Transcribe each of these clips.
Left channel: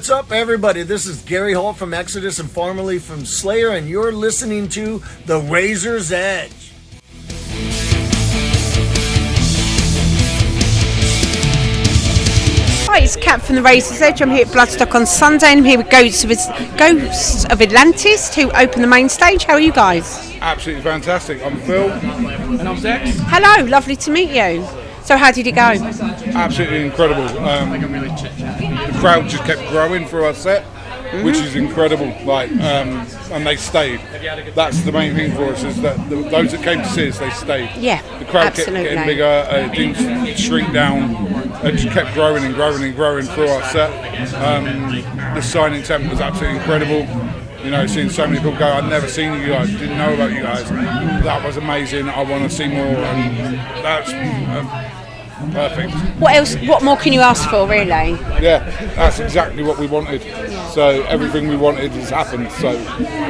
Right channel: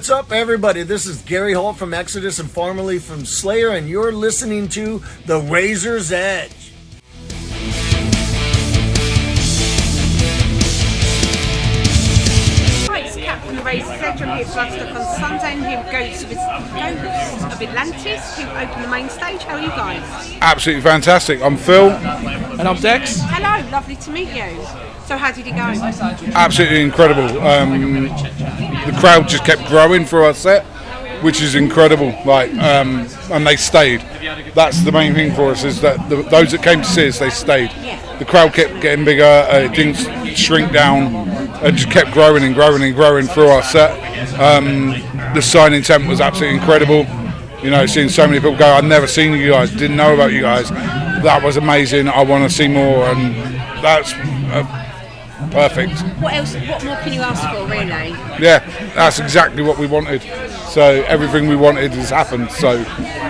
What's up, everybody? This is Gary Holt from Exodus and formerly from Slayer, and you're listening to The Razor's Edge. Hi, it's Kat from The Razor's Edge. I'm here at Bloodstock on Sunday, and I'm here with Ghosts of Atlantis to open the main stage. How are you guys? Absolutely fantastic. I'm Phil. And I'm Dex. Hello, lovely to meet you. So how did it go? Absolutely incredible. The crowd just kept growing for our set, which is incredible. And they stayed. That's the main thing for us, is that those that came to see us, they stayed. Yeah. The crowd absolutely. kept getting bigger. It didn't shrink down. It just kept growing and growing and growing through our set. The signing tent was absolutely incredible. You know, seeing so many people go, I've never seen you guys, didn't know about you guys. That was amazing. I want to see more, and that's perfect. What else? What more can you ask for, really? Yeah, that's exactly what we wanted. So everything we wanted has happened. So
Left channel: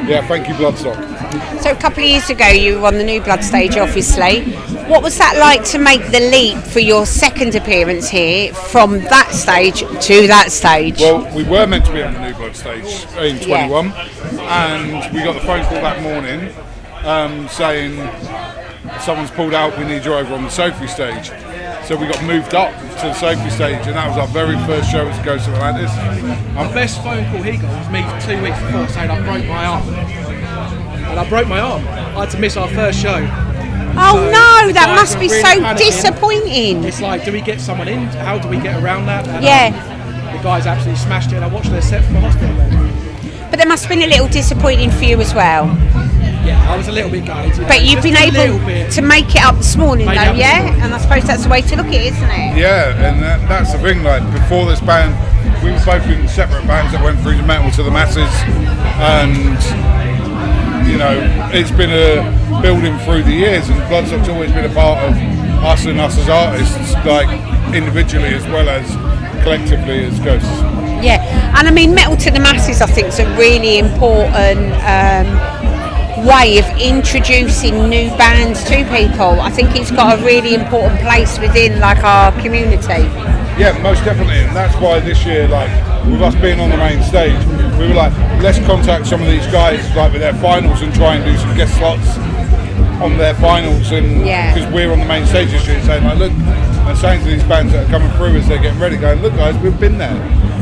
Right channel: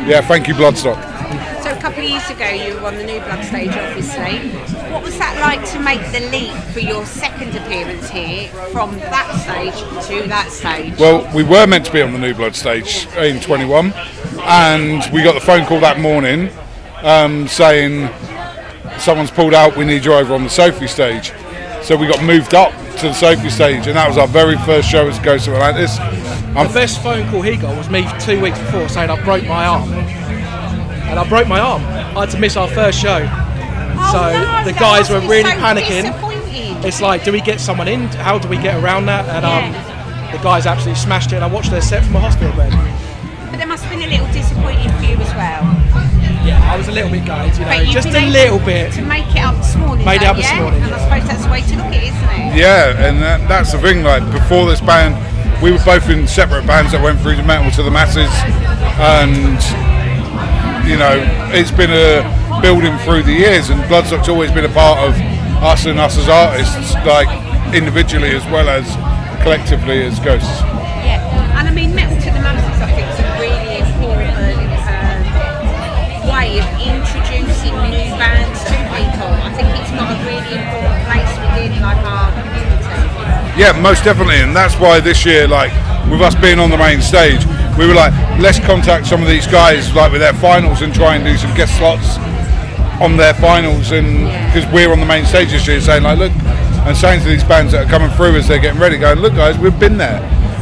yeah, thank you, Bloodstock. So a couple of years ago, you were on the new Blood stage, obviously. What was that like to make the leap for your second appearance here from that stage to that stage? Well, we were meant to be on the new Blood stage in 21, and we got the phone call that morning saying someone's pulled out, we need you over on the Sophie stage. So we got moved up to the Sophie stage, and that was our very first show as Ghosts of Atlantis. The first phone call he got was me 2 weeks before saying I broke my arm. And I broke my arm. I had to miss our first show. Oh so no, that must be really so panicking. disappointing. It's like, do we get someone in? How do we get around that? And, Yeah. The guys absolutely smashed it, and I watched their set from the hospital bed. But there must have been a little disappointing for you as well. I was a little bit gutted. But you've been able to make it up this morning, though, yeah? And I suppose that's the way to look at it, isn't it? Yeah, and that's the thing. Like, before this band, we were both in separate bands that went through the metal to the masses, and you know, it's been a building through the years, and Bloodstock's always been a part of us and us as artists, like individually as well as collectively as Ghosts. Yeah, and I mean, metal to the masses, I think, is a really important way of introducing new bands to people. I think it's got a really important place within, like, our community. Yeah, most definitely, and that's why this year, like, with us being on the main stage, we were like, let's contact some of these guys, like, with their finals and try and do some guest slots on their finals, and because we're on the main stage this year, saying like, look, and saying to these bands that are coming through as they're getting ready, going, look guys, we've been there,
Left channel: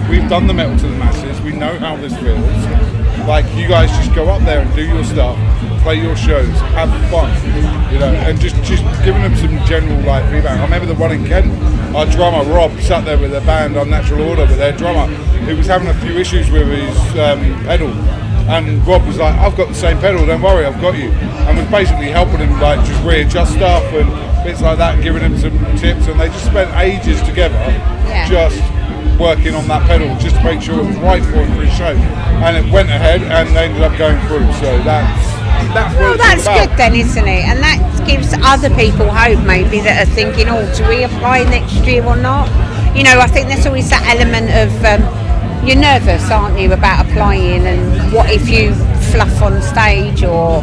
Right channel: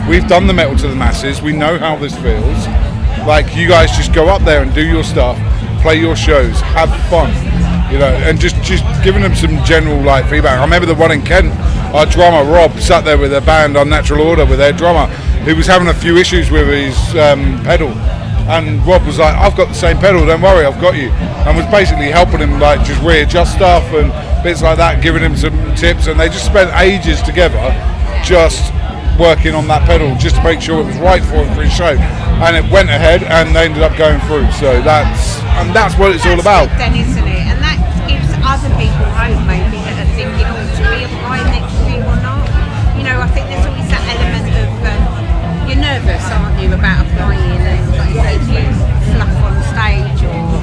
we've done the metal to the masses, we know how this feels. Like, you guys just go up there and do your stuff, play your shows, have fun, you know, and just giving them some general, like, feedback. I remember the one in Kent, our drummer Rob sat there with a band on Natural Order with their drummer who was having a few issues with his pedal, and Rob was like, I've got the same pedal, don't worry, I've got you, and was basically helping him, like, just readjust stuff and bits like that, giving him some tips, and they just spent ages together just working on that pedal just to make sure it was right for him for his show, and it went ahead and they ended up going through. So that's what it's all about. That's good then, isn't it? And that gives other people hope, maybe, that are thinking, oh, do we apply next year or not? You know, I think there's always that element of you're nervous, aren't you, about applying, and what if you fluff on stage or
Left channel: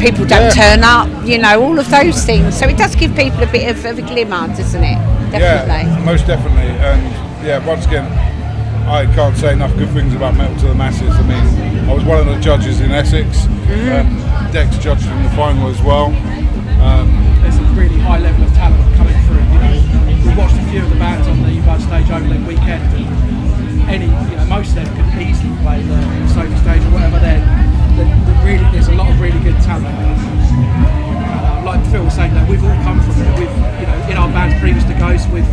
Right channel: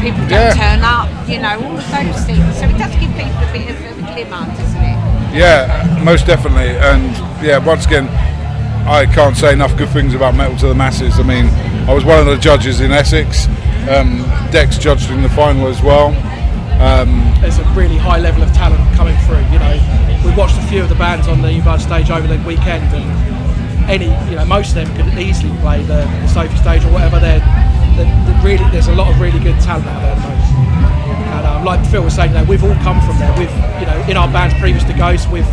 people don't turn up, you know, all of those things. So it does give people a bit of a glimmer, doesn't it? Definitely. Yeah, most definitely. And yeah, once again, I can't say enough good things about Metal to the Masses. I mean, I was one of the judges in Essex. Dex judged in the final as well. There's a really high level of talent coming through. You know, we watched a few of the bands on the Blood stage over the weekend, and most of them could easily play the Sophie stage or whatever. There's a lot of really good talent there. And like Phil was saying, we've all come from there. In our bands previous to Ghost, we've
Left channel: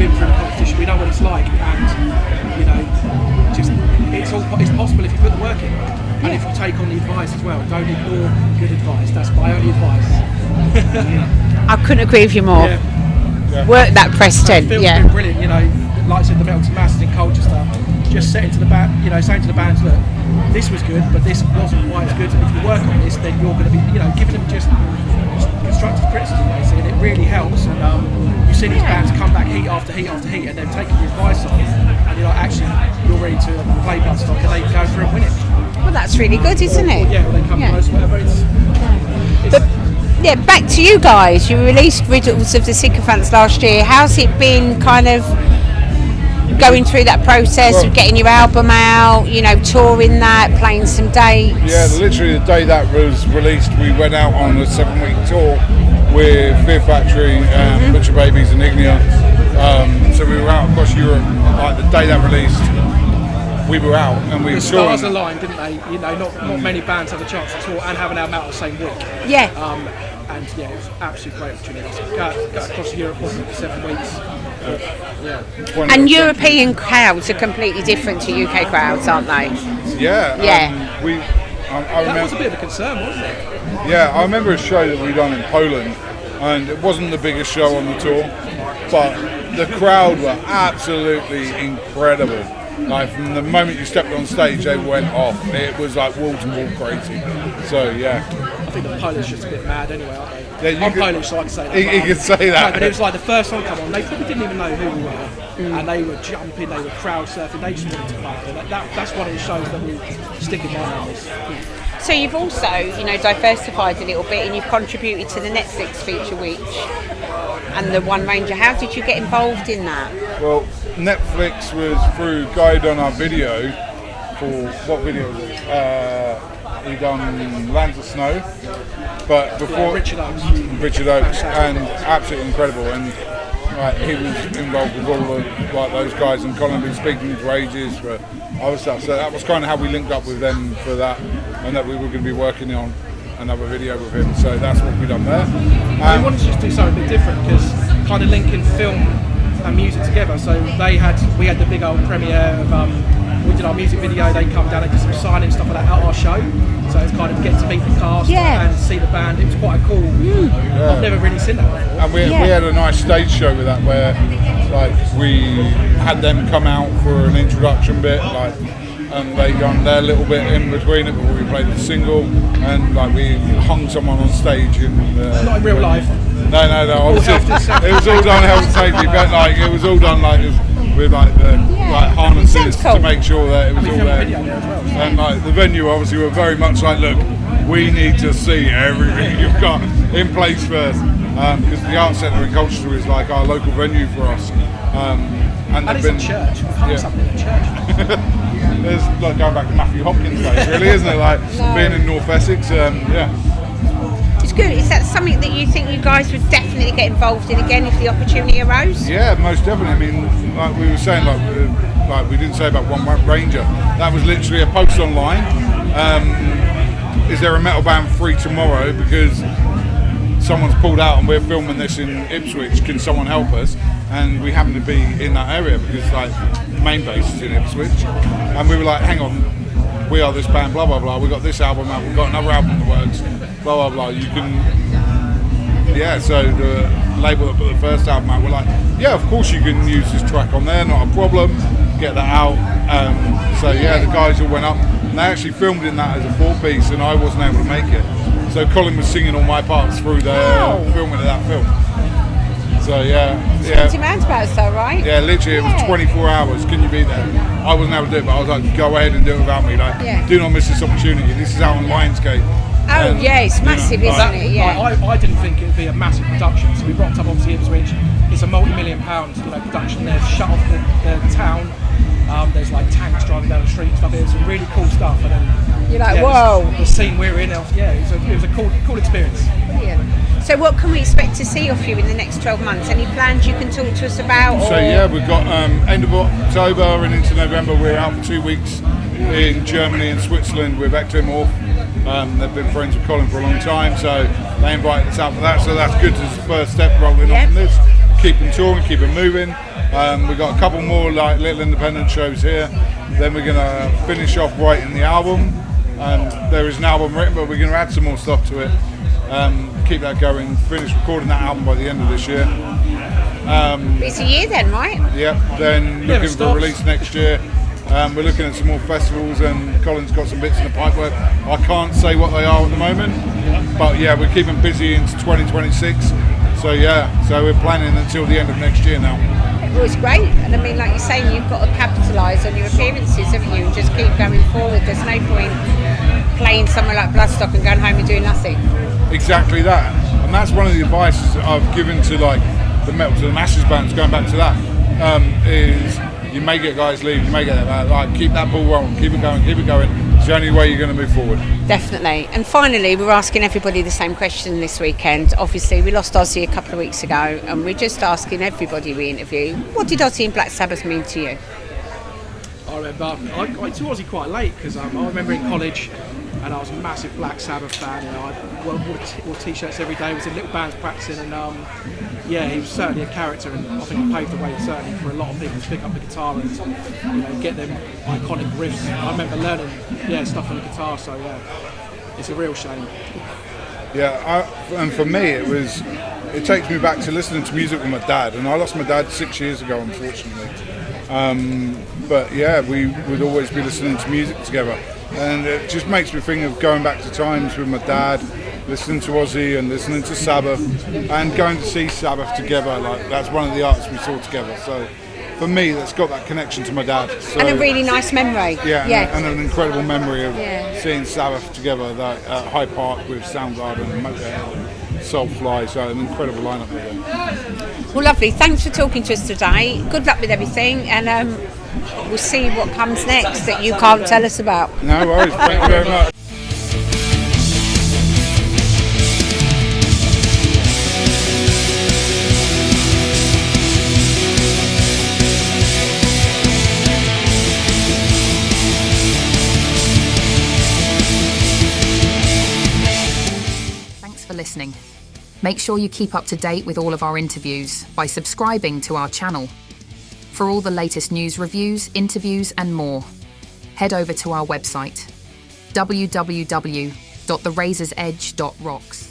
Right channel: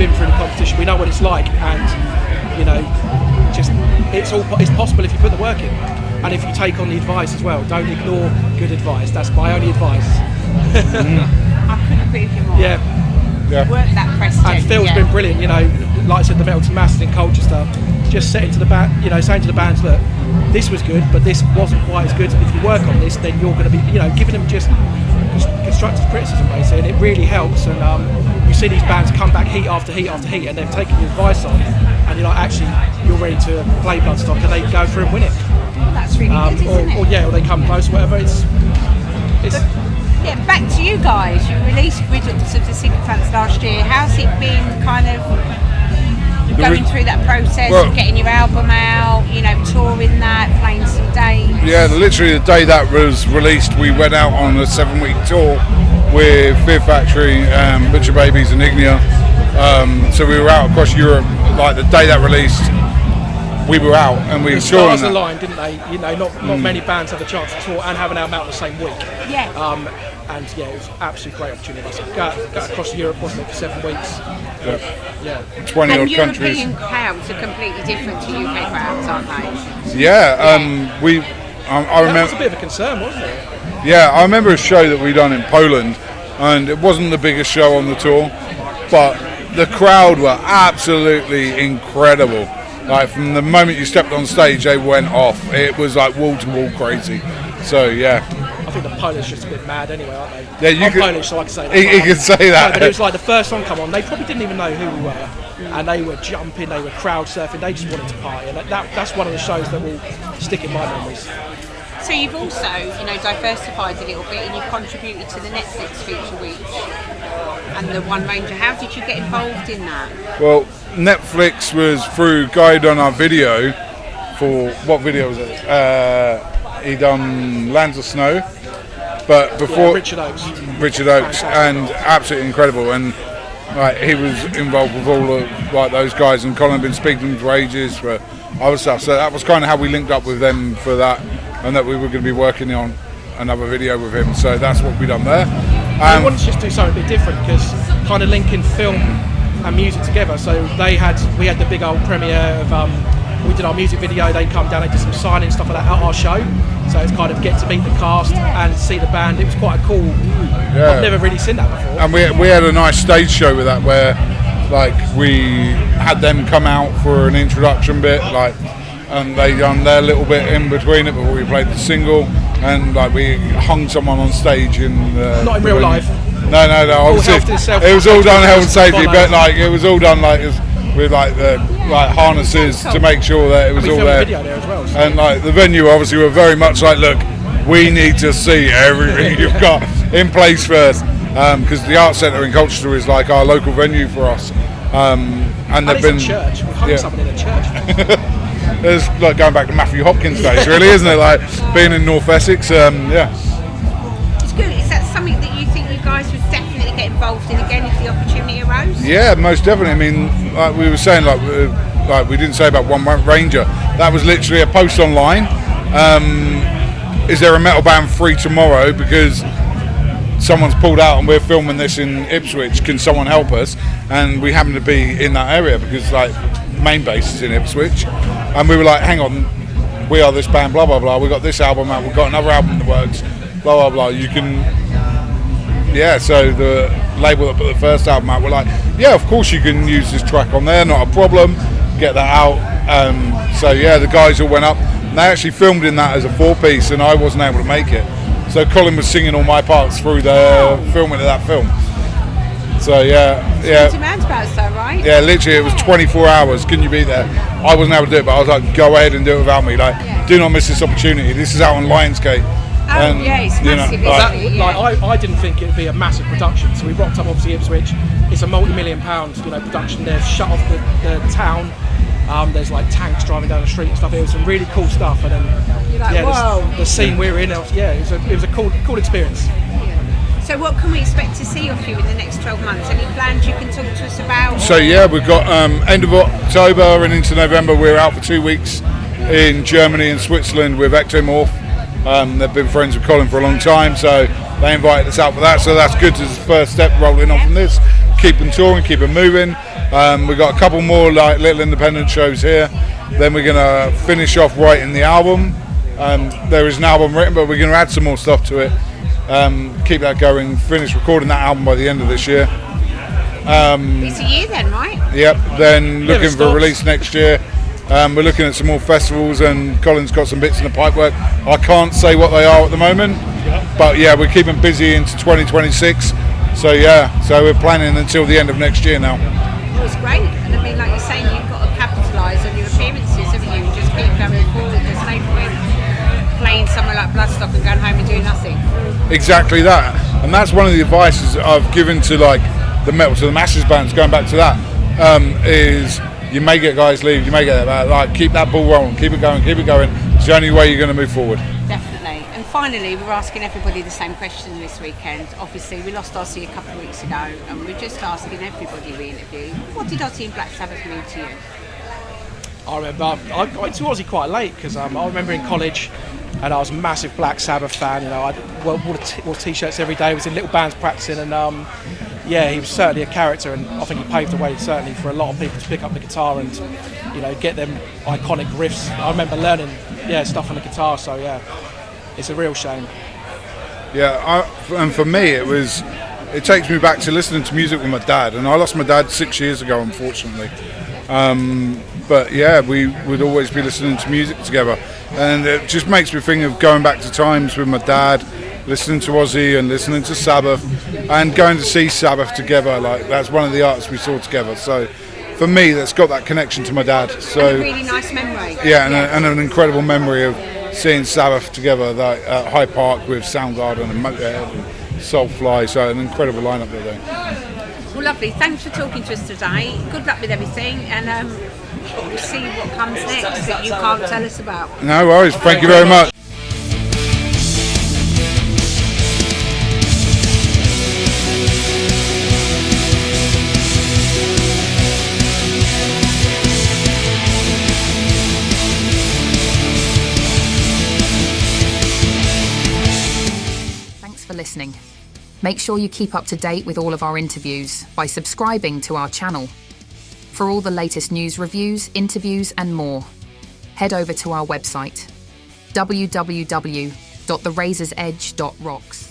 been through the competition. We know what it's like, and it's possible if you put the work in, and if you take on the advice as well. Don't ignore good advice. That's my only advice. I couldn't agree with you more. Yeah. Work that Preston. Phil's been brilliant. Like I said, the metal to masses and culture stuff. Just saying to the band, saying to the bands, look, this was good, but this wasn't quite as good. If you work on this, then you're going to be, giving them just constructive criticism, basically, and it really helps. And you see these bands come back heat after heat after heat, and they're taking your advice on it, and you're ready to play Bloodstock, and they go through and win it. Well, that's really good, isn't it? Or they come close, whatever. But yeah, back to you guys. You released Riddles of the Sycophants last year. How's it been, kind of going through that process Well- of getting your album out, you know, touring that, playing some dates? Yeah, literally the day that was released, we went out on a 7-week tour with Fear Factory, Butcher Babies and Ignia. So we were out across Europe. Like the day that released, we were out and we were The touring. stars aligned, didn't they? You know, not many bands have a chance to tour and have an album out the same week. Yeah. And yeah, it was absolutely great opportunity. Go across Europe, wasn't it, for 7 weeks? Yeah. 20 And odd European crowds are completely different to UK crowds, aren't they? countries. Yeah, I That remember. was a bit of a concern, wasn't it? Yeah, I remember a show that we done in Poland, and it wasn't the biggest show on the tour, but the crowd were absolutely incredible. Like from the moment you stepped on stage, they went off. It was like wall to wall crazy. So yeah, I think the Polish just get mad anyway, aren't they? Yeah, you I'm could- Polish, so I can say that. you could say No, that. but it was like the first song come on, they probably didn't even know who we were. And they were jumping, they were crowd surfing, they just wanted to party. That's one of the shows that will stick in my mind. So you've also, you know, diversified a little bit and you've contributed to the Netflix feature week and the One Ranger. How did you get involved in that? Well, Netflix was through guy done our video for what video was it? He done Lands of Snow, but before Richard Oakes. and absolutely incredible. And like he was involved with all of like those guys, and Colin had been speaking for ages for other stuff. So that was kind of how we linked up with them for that, and that we were going to be working on another video with him. So that's what we done there. I wanted to just do something a bit different because kind of linking film and music together. So we had the big old premiere of we did our music video. They come down, they did some signing stuff like that at our show. So it's kind of get to meet the cast and see the band. It was quite cool. I've never really seen that before. And we had a nice stage show with that where like we had them come out for an introduction bit, like, and they done their little bit in between it before we played the single, and like we hung someone on stage in Not in real life. No, obviously health and safety. it was all done health and safety, but like it was all done like with like the like harnesses to make sure that it was all filmed a there. video there as well, so. And like the venue obviously were very much like, look, we need to see everything you've got in place first, because the Art Centre in Colchester is like our local venue for us, and And they've it's been a church. We've hung something in church. It's like going back to Matthew Hopkins days, really, isn't it? Like being in North Essex, yeah. It's good. Is that something that you think you guys would definitely get involved in again if the opportunity arose? Yeah, most definitely. I mean, like we were saying, like we didn't say about One Ranger. That was literally a post online. Is there a metal band free tomorrow? Because someone's pulled out and we're filming this in Ipswich. Can someone help us? And we happen to be in that area because like the main base is in Ipswich, and we were like, hang on, we are this band, blah blah blah. We got this album out. We've got another album in the works, blah blah blah. You can. Yeah, so the label that put the first album out, we're like, yeah, of course you can use this track on there, not a problem, get that out. So yeah, the guys all went up, and they actually filmed in that as a 4-piece, and I wasn't able to make it. So Colin was singing all my parts through the filming of that film. So yeah. Roundabouts though, right? Yeah, literally it was 24 hours, can you be there? I wasn't able to do it, but I was like, go ahead and do it without me. Like, do not miss this opportunity. This is out on Lionsgate. Oh yeah, it's massive, isn't it? Yeah. I didn't think it would be a massive production, so we rocked up obviously Ipswich. It's a multi-million-pound production. They've shut off the town. There's like tanks driving down the street and stuff. It was some really cool stuff. And then, You're like, whoa. The scene we were in, it was a cool experience. Brilliant. So what can we expect to see off you in the next 12 months? Any plans you can talk to us about? So yeah, we've got end of October and into November. We're out for 2 weeks in Germany and Switzerland with Ectomorph. They've been friends with Colin for a long time, so they invited us out for that. So that's good as the first step rolling on from this. Keep them touring, keep them moving. We've got a couple more like little independent shows here. Then we're gonna finish off writing the album. There is an album written, but we're gonna add some more stuff to it. Keep that going. Finish recording that album by the end of this year. It's a year then, right? Yep. Then looking for a release next year. We're looking at some more festivals, and Colin's got some bits in the pipework. I can't say what they are at the moment, but yeah, we're keeping busy into 2026. So yeah, so we're planning until the end of next year now. Well, it's great, and I mean, like you're saying, you've got to capitalise on your appearances, haven't you, and just keep going forward. There's no point playing somewhere like Bloodstock and going home and doing nothing. Exactly that, and that's one of the advices I've given to like the metal to the masses bands. Going back to that, is You may get guys leave, you may get like keep that ball rolling, keep it going. It's the only way you're going to move forward. Definitely. And finally, we're asking everybody the same question this weekend. Obviously, we lost Ozzy a couple of weeks ago, and we're just asking everybody we interview, what did Ozzy and Black Sabbath mean to you? I remember I went to Aussie quite late because I remember in college, and I was a massive Black Sabbath fan. You know, I wore t-shirts every day. Was in little bands practicing, and yeah, he was certainly a character, and I think he paved the way certainly for a lot of people to pick up the guitar and get them iconic riffs. I remember learning stuff on the guitar, so yeah, it's a real shame. Yeah, and for me it takes me back to listening to music with my dad, and I lost my dad 6 years ago, unfortunately. But yeah, we would always be listening to music together, and it just makes me think of going back to times with my dad, listening to Ozzy and listening to Sabbath, and going to see Sabbath together. Like, that's one of the artists we saw together. So for me, that's got that connection to my dad. So, and a really nice memory. Yeah, and an incredible memory of seeing Sabbath together at Hyde Park with Soundgarden and Motorhead and Soulfly. So an incredible lineup there. Well, lovely. Thanks for talking to us today. Good luck with everything, and we'll see what comes next that you can't tell us about. No worries. Thank you very much. Thanks for listening. Make sure you keep up to date with all of our interviews by subscribing to our channel. For all the latest news, reviews, interviews and more, head over to our website, www.therazorsedge.rocks.